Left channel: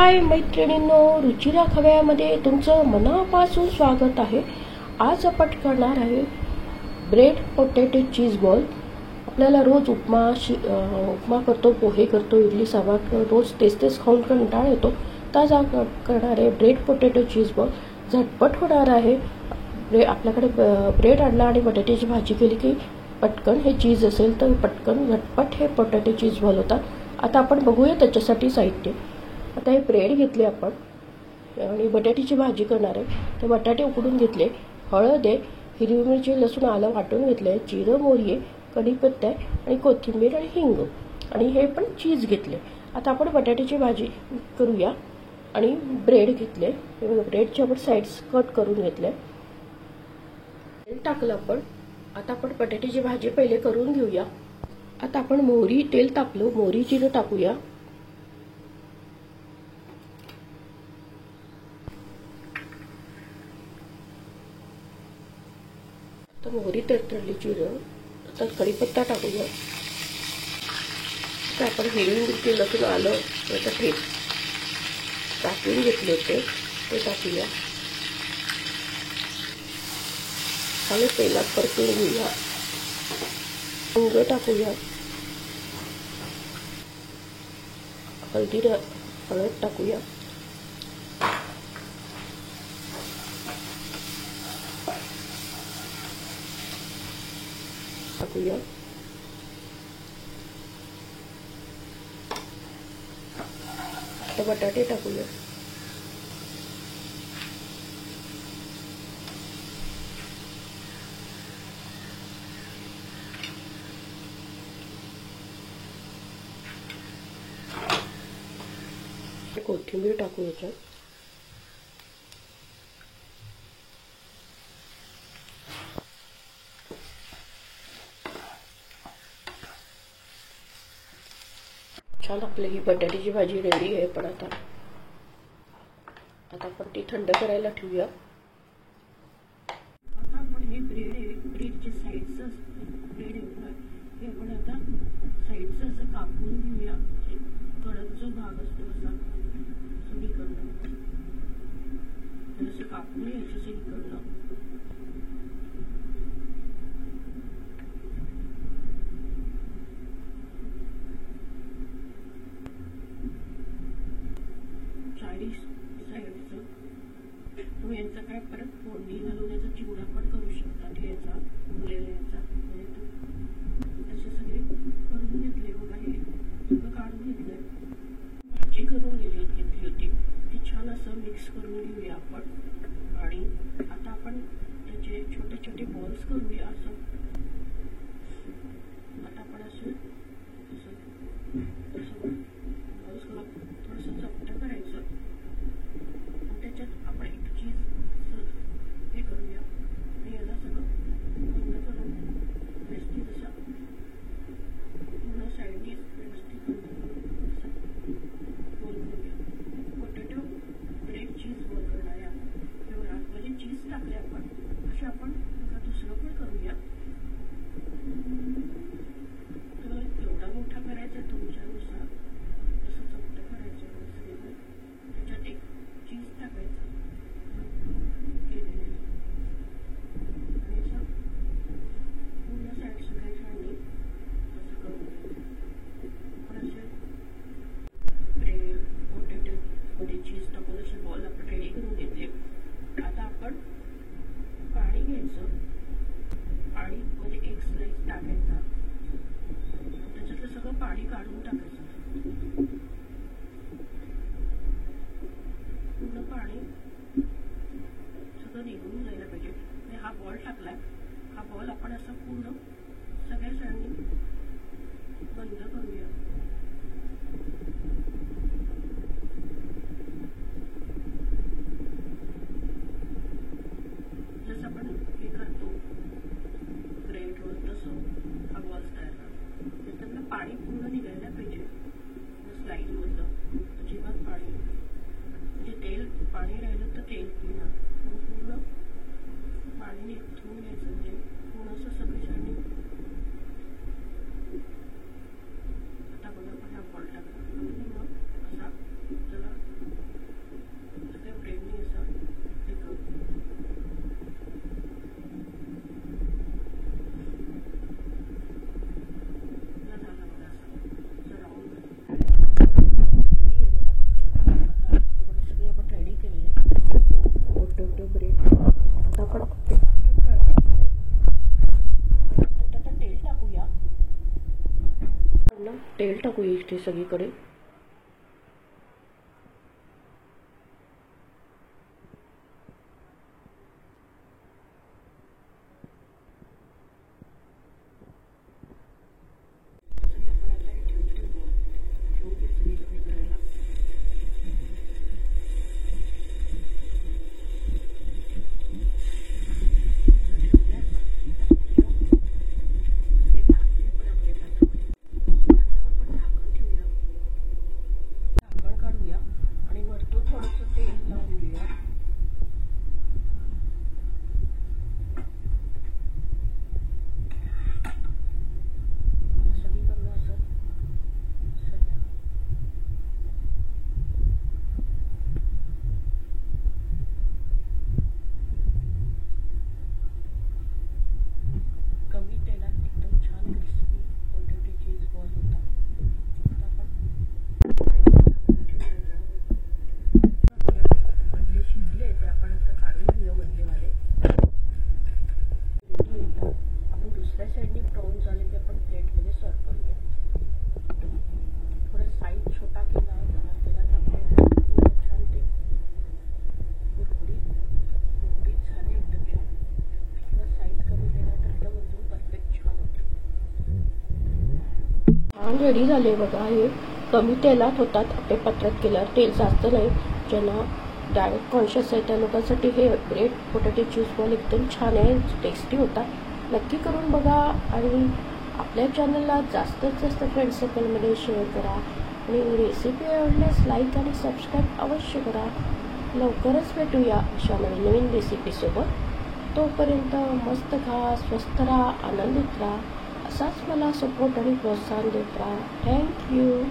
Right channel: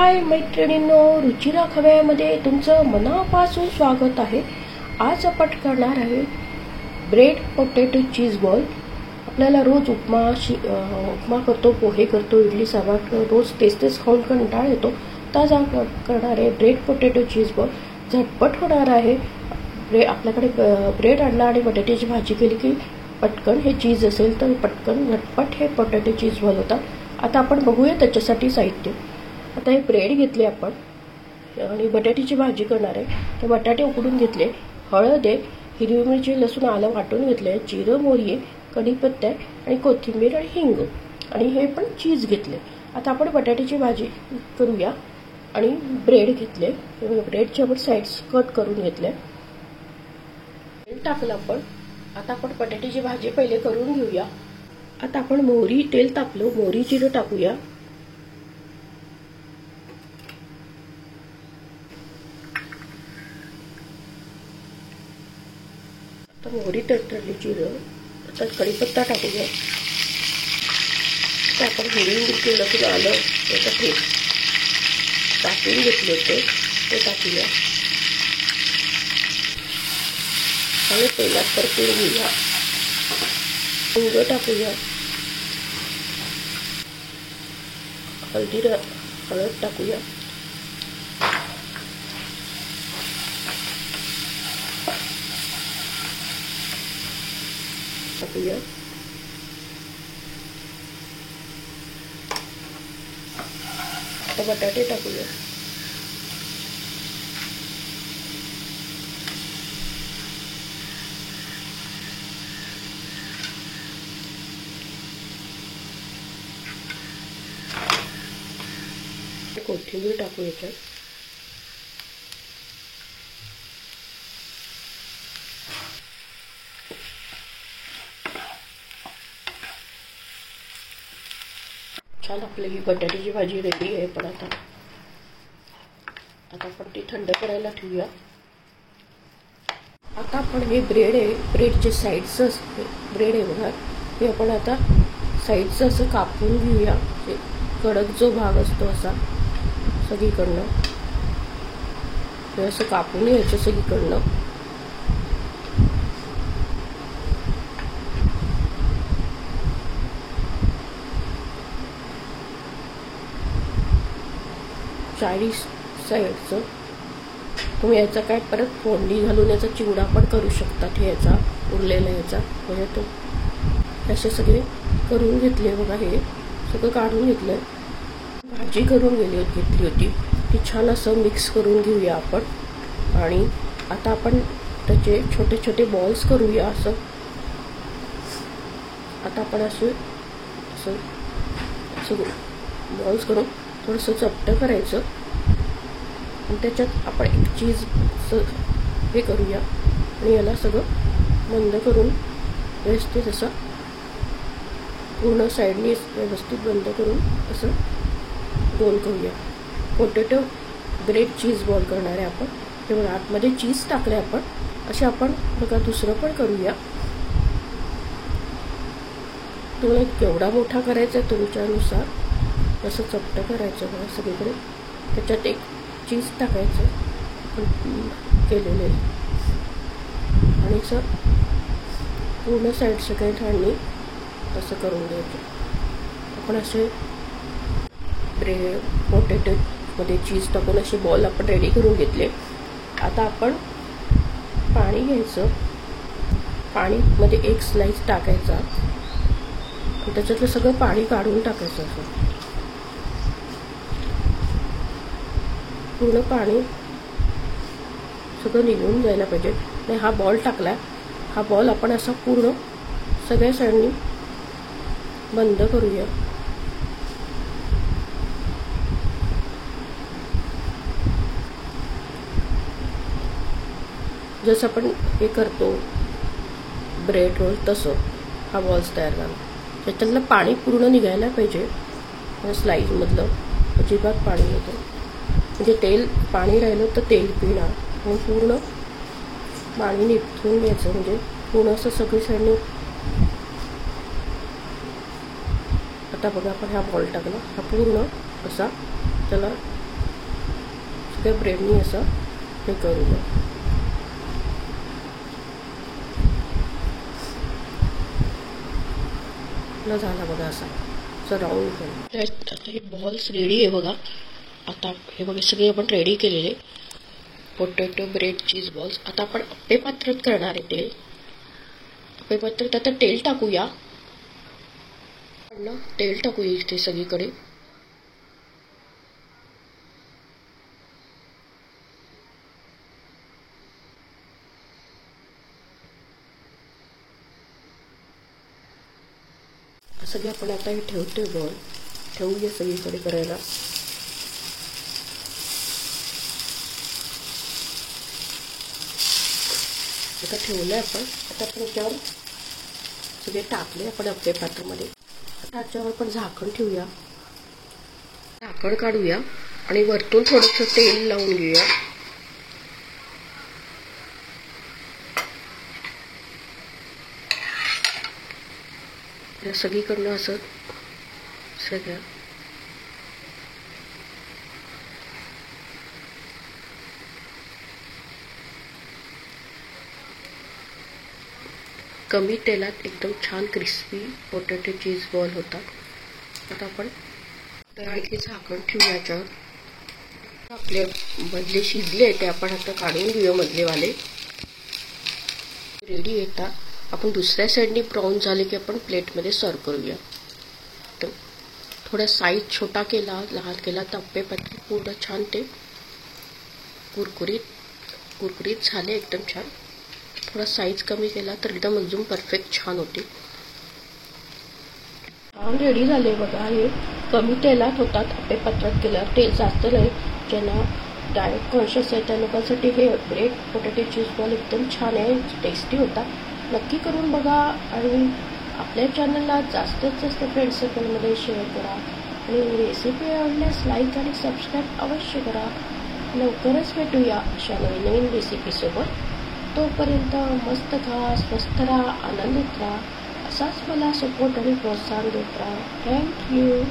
हाय मैत्रिणींनो, रुचिरा खव्यामध्ये तुमचं मनापासून स्वागत आहे। आज आपण करणार आहे ब्रेड पोटॅटो चीज बॉल। आपल्याला रोज उपमा करतो, पोहे करतो, इडली सांबार रोज तेच खाऊन कंटाळा येतो। आज करणार आहे ब्रेड पोटॅटो चीज बॉल। झटपट होणार आहे। आपल्याकडे ब्रेड आणला आणि बटाट्याची भाजी केली की पटकन हे चीज असेल तर पटकन झटपट हे पोटॅटो चीज बॉल होतात। आता आपण बघूया त्याच्यासाठी साहित्य। आता हे ब्रेड घेतले आपण आणि बटाट्याची भाजी करणार आहे। तर बटाटे उकडून घेतले, हळद आहे, हिरवी मिरची, लसूण, आलं वाटून घेतले, जिरं, मोहरी, कढीपत्ता आणि कोथिंबीर आणि हिंग आणि हे पण चीज घेतले। आता आपण बटाट्याची भाजी करूया आणि ब्रेड घेतले, ब्रेडचे आपण साइड्स कट करून घेतले, तेल टाकलं आपण। आता आपण बटाट्याची भाजी पहिले करून घेऊया। आता आपण मोहरी, तेल तापलं, मोहरी, जिरं टाकूया। आता मोहरी तडतडली, जिरं, आता कढीपत्ता टाकूया। आता आपण हिरवी मिरची, लसूण, आलं याचा ठेप टाकून घेतले ते टाकूया आणि तेलात परतून घेऊया। हिंग टाकूया, हळद टाकूया, आता बटाटे टाकूया, कोथिंबीर टाकू याच्यात, छान आपली ही बटाट्याची भाजी रेडी आहे। पण आता आपण ती थंड करायला ठेवूया। आता आपण हे ब्रेड आहे, ब्रेडचे साइड्स ब्रेड आहे बघा, हे आपण आता साइड्स असं कापून घेऊया। कडक जो भाग असतो असा सगळीकडनं हे असं कापून घ्यायचं सगळीकडनं। चारी साइडचं तुम्ही याचा काय परत फोडणी घालून याचा चिवडा पण करू शकतात। हे याचा उरलेला याचा म्हणजे तो असे सगळे करून घेतले बघा, हे सगळं काढून घेतलंय। भाजी करून घेतली होती ती छान असं मिक्स करून घेऊया आपण आणि आता आपण त्याचे छोटे छोटे बॉल्स करूया असं। आता आपण असं बॉल्स करून थोडंसं चपटं करायचं आणि त्याच्यात आपण एक चीज हे करूया आणि याला सगळं बंद करून व्यवस्थित असं पूर्ण साईडनी व्यवस्थित बंद करून असं रोल करूया। पोटॅटो ब्रेड चीज बॉल करणार आहे आपण। तेव्हा आतमध्ये चीज टाकले आपण, असे आपण बघा दुसरं पण करूया। तुम्हाला केवढा मोठा करायचा आहे तुमच्यानुसार असं चपटं करायचं बघा सगळीकडे, त्याच्यात एक चीज टाकायचं केलेले आणि असं पूर्ण साईड सगळे ठाणी असं करून घ्यायचं। आपण असे ब्रेड पोटॅटो मध्ये चीज टाकून असे बॉल आपण रेडी करून घेतले। आता आपण पाणी घ्यायचं, पाणी मध्ये एक स्लाइस टाकायचा आणि त्याच्यातलं सगळं पाणी काढून टाकायचं असं पूर्ण पाणी सगळं निघून जायला पाहिजे। आणि हा बॉल टाकला, हा बॉल आपण असा पूर्ण सगळ्या साईडनी बंद करूया। जसं आपण हे करतो ब्रेड रोल तसं हा बॉल्स तयार झाला। त्याच्यातलं पाणी पूर्ण निघायला पाहिजे, स्लाइस मधलं अजिबात पाणी येतं म्हणजे तेल पाणी राहिलं तर तेल पिणार आणि पूर्ण पाणी निथळून घ्यायचं म्हणजे पूर्ण असं सगळी साईडनी। आता बघा आपण हा बॉल टाकला, हा पूर्ण असा त्याला सगळ्या ब्रेडनी असं हे करूया. झाला बघा असा राऊंड. हे बॉल्स रेडी आहे बघा. आता हे बघा सगळे आपण रेडी केलेले पोटॅटो ब्रेड चीज बॉल्स. आता आपण अप्पे पात्रात करणार आहे तेल. अप्पे पात्रात आता तेल टाकूया. तेल टाकूया इथे सगळीकडे. सगळे आपण आता हे ठेवतोय बॉल. ठेवूया सगळीकडे करायला. आता ठेवलंय आपण. आता आपण याच्यावर सगळे टाकले आपण अप्पे पात्रामध्ये. आता याच्यावर आपण झाकण ठेवूया. झाकण काढूया आणि वरतून थोडंसं तेल लावून घेऊया. सगळीकडनं असं सगळं कमी तेलात एकदम छान क्रिस्पी पोटॅटो चीज बॉल होता. आता आपण आणखी झाकण ठेवूया याच्यावर. आपले मधले शिजले ते आपण आता काढून घेऊया मधलेवाले. रेडी येतात. आपण दुसऱ्या साईडनी ब्राऊन झाले की आपण प्लेटमध्ये सर्व करूया. थोडा साईज छोटा केला लहान केला तर अप्पे पात्र पूर्ण छान ते कुरकुरीत झाले एकदम छान. थोडा साईज कमी केला तर एकदम अजून परफेक्ट छान होते. छान रेडी झाले बघा. हे कमी तेलात होतात अप्पे पात्रात केल्यावर. तेल जास्त नाही. ज्यांना डाएट कॉन्शियस आहे त्या लोकांसाठी हे ब्रेड पोटॅटो चीज बॉल एकदम छान आहे. टेस्टी होता. नक्की करून बघा आणि आपल्या चॅनलला जास्तीत जास्त फ्रेंड सर्कलमध्ये शेअर करा आणि रेसिपी आवडल्यास लाईक आणि सबस्क्राईब अवश्य करा. लवकरच भेटूया अशा नवीन रेसिपीसोबत. तोपर्यंत मस्त खा, स्वस्थ राहा, आनंदित राहा. असाच मला सपोर्ट आणि प्रोत्साहन देत राहा. थँक्यू.